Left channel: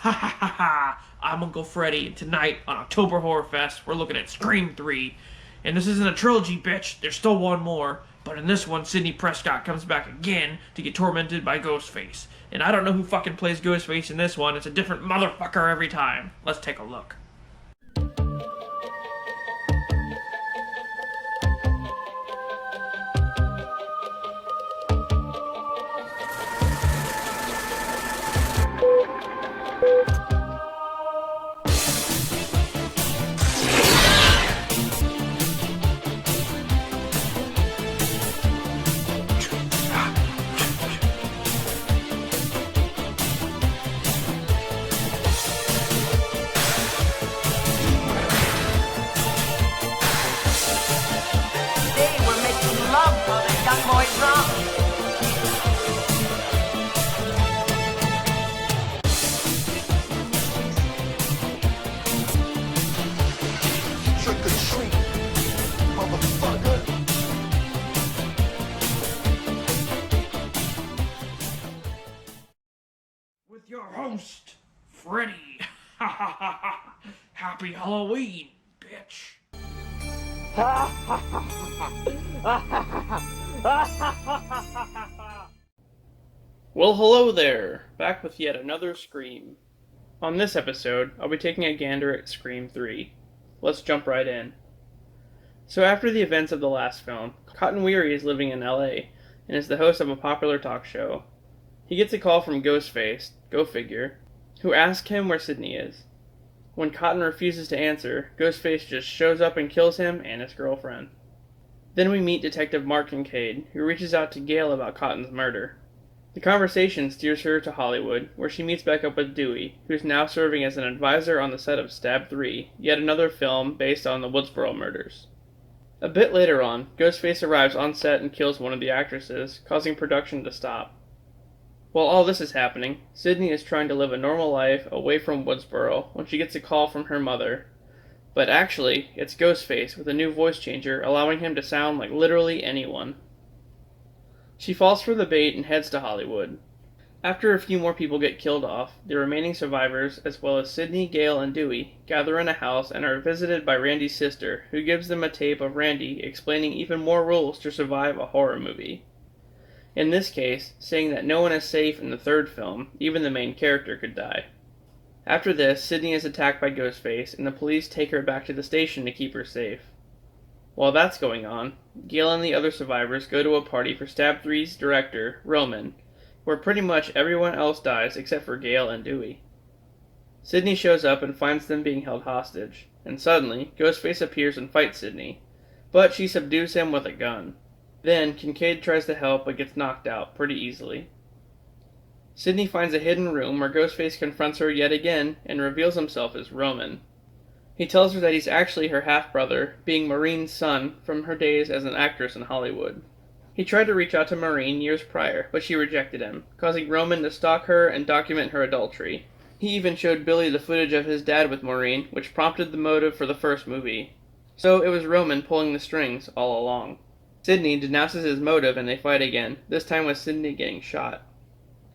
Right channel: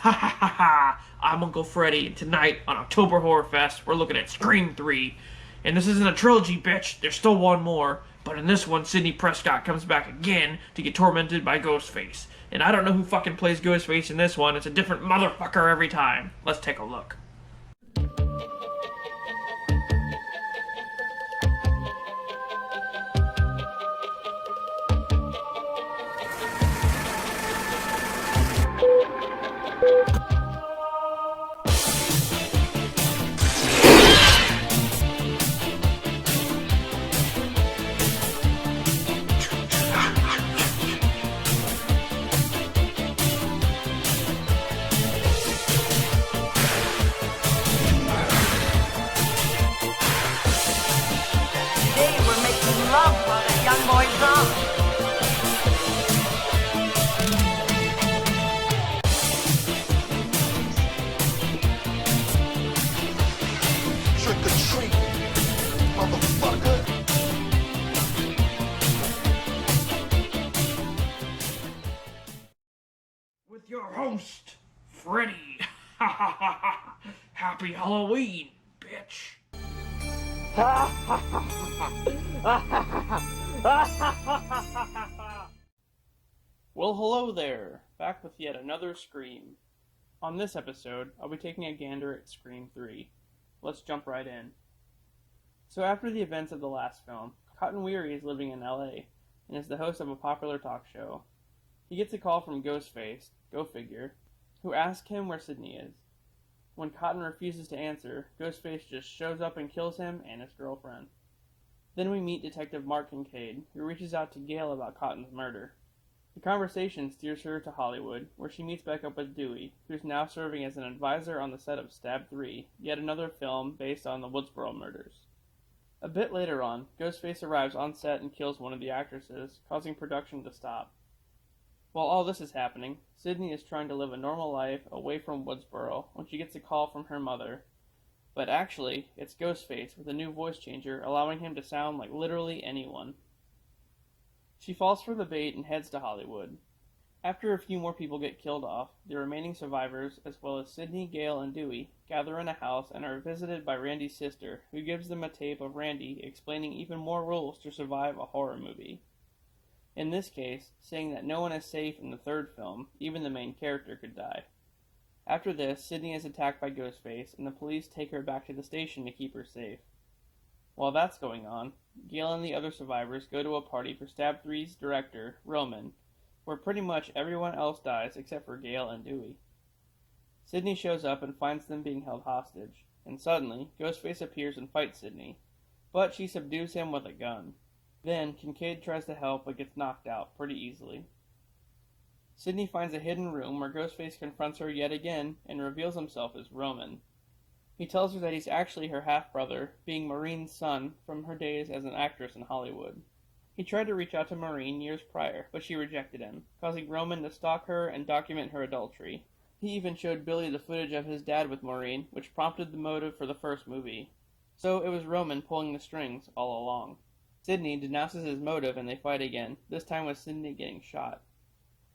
Ha ha ha ha! I'm Uncle Freddy, and tonight on October Horrorfest, we're looking at Scream 3. And this isn't a trilogy, bitch. There's still one more. But in this one, Sidney Prescott comes back again to get tormented by Ghostface. And I don't know who fucking plays Ghostface in this one. It's a different motherfucker every time. Let's take a look. They were making love while that young boy drunk. Trick or treat, motherfucker. With your host, Freddy. Ha ha ha ha! Happy Halloween, bitch. Well, hello there. Back with yet another Scream. On this episode, I'll be taking a gander at Scream 3. Let's jump right in. So after the events of the last film, Cotton Weary is living in LA and is the host of a popular talk show. He gets a call from Ghostface, go figure, who asks him where Sidney is. When Cotton refuses to answer, Ghostface just shows up and kills him and his girlfriend. Then we meet Detective Mark Kincaid, who reaches out to Gail about Cotton's murder. The conversation steers her to Hollywood, where she meets back up with Dewey, who's now serving as an advisor on the set of Stab 3, yet another film based on the Woodsboro murders. A bit later on, Ghostface arrives on set and kills one of the actresses, causing production to stop. While all this is happening, Sidney is trying to live a normal life away from Woodsboro when she gets a call from her mother. But actually, it's Ghostface with a new voice changer allowing him to sound like literally anyone. She falls for the bait and heads to Hollywood. After a few more people get killed off, the remaining survivors, as well as Sidney, Gail, and Dewey, gather in a house and are visited by Randy's sister, who gives them a tape of Randy explaining even more rules to survive a horror movie. In this case, saying that no one is safe in the third film, even the main character could die. After this, Sidney is attacked by Ghostface, and the police take her back to the station to keep her safe. While that's going on, Gail and the other survivors go to a party for Stab 3's director, Roman, where pretty much everyone else dies except for Gail and Dewey. Sidney shows up and finds them being held hostage, and suddenly, Ghostface appears and fights Sidney, but she subdues him with a gun. Then, Kincaid tries to help but gets knocked out pretty easily. Sidney finds a hidden room where Ghostface confronts her yet again and reveals himself as Roman. He tells her that he's actually her half-brother, being Maureen's son from her days as an actress in Hollywood. He tried to reach out to Maureen years prior, but she rejected him, causing Roman to stalk her and document her adultery. He even showed Billy the footage of his dad with Maureen, which prompted the motive for the first movie. So it was Roman pulling the strings all along. Sidney denounces his motive and they fight again, this time with Sidney getting shot.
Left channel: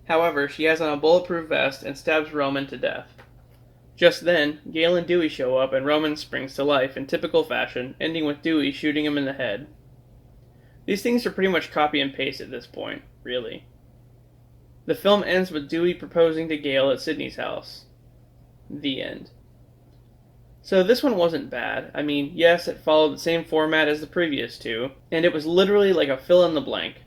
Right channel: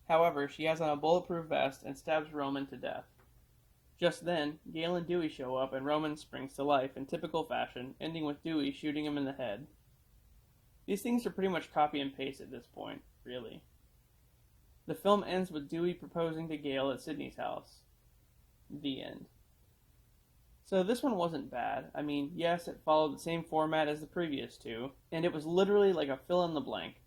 However, she has on a bulletproof vest and stabs Roman to death. Just then, Gail and Dewey show up and Roman springs to life in typical fashion, ending with Dewey shooting him in the head. These things are pretty much copy and paste at this point, really. The film ends with Dewey proposing to Gail at Sidney's house. The end. So this one wasn't bad. I mean, yes, it followed the same format as the previous two, and it was literally like a fill-in-the-blank.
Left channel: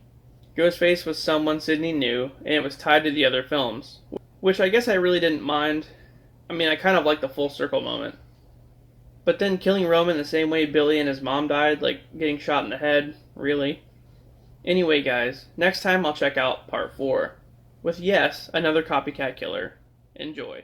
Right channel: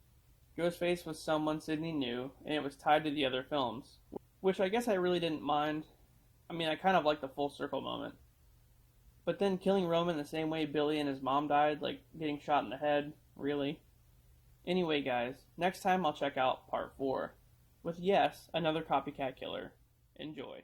Ghostface was someone Sidney knew, and it was tied to the other films, which I guess I really didn't mind. I mean, I kind of liked the full circle moment. But then killing Roman the same way Billy and his mom died, like getting shot in the head, really? Anyway guys, next time I'll check out part 4, with yes, another copycat killer. Enjoy.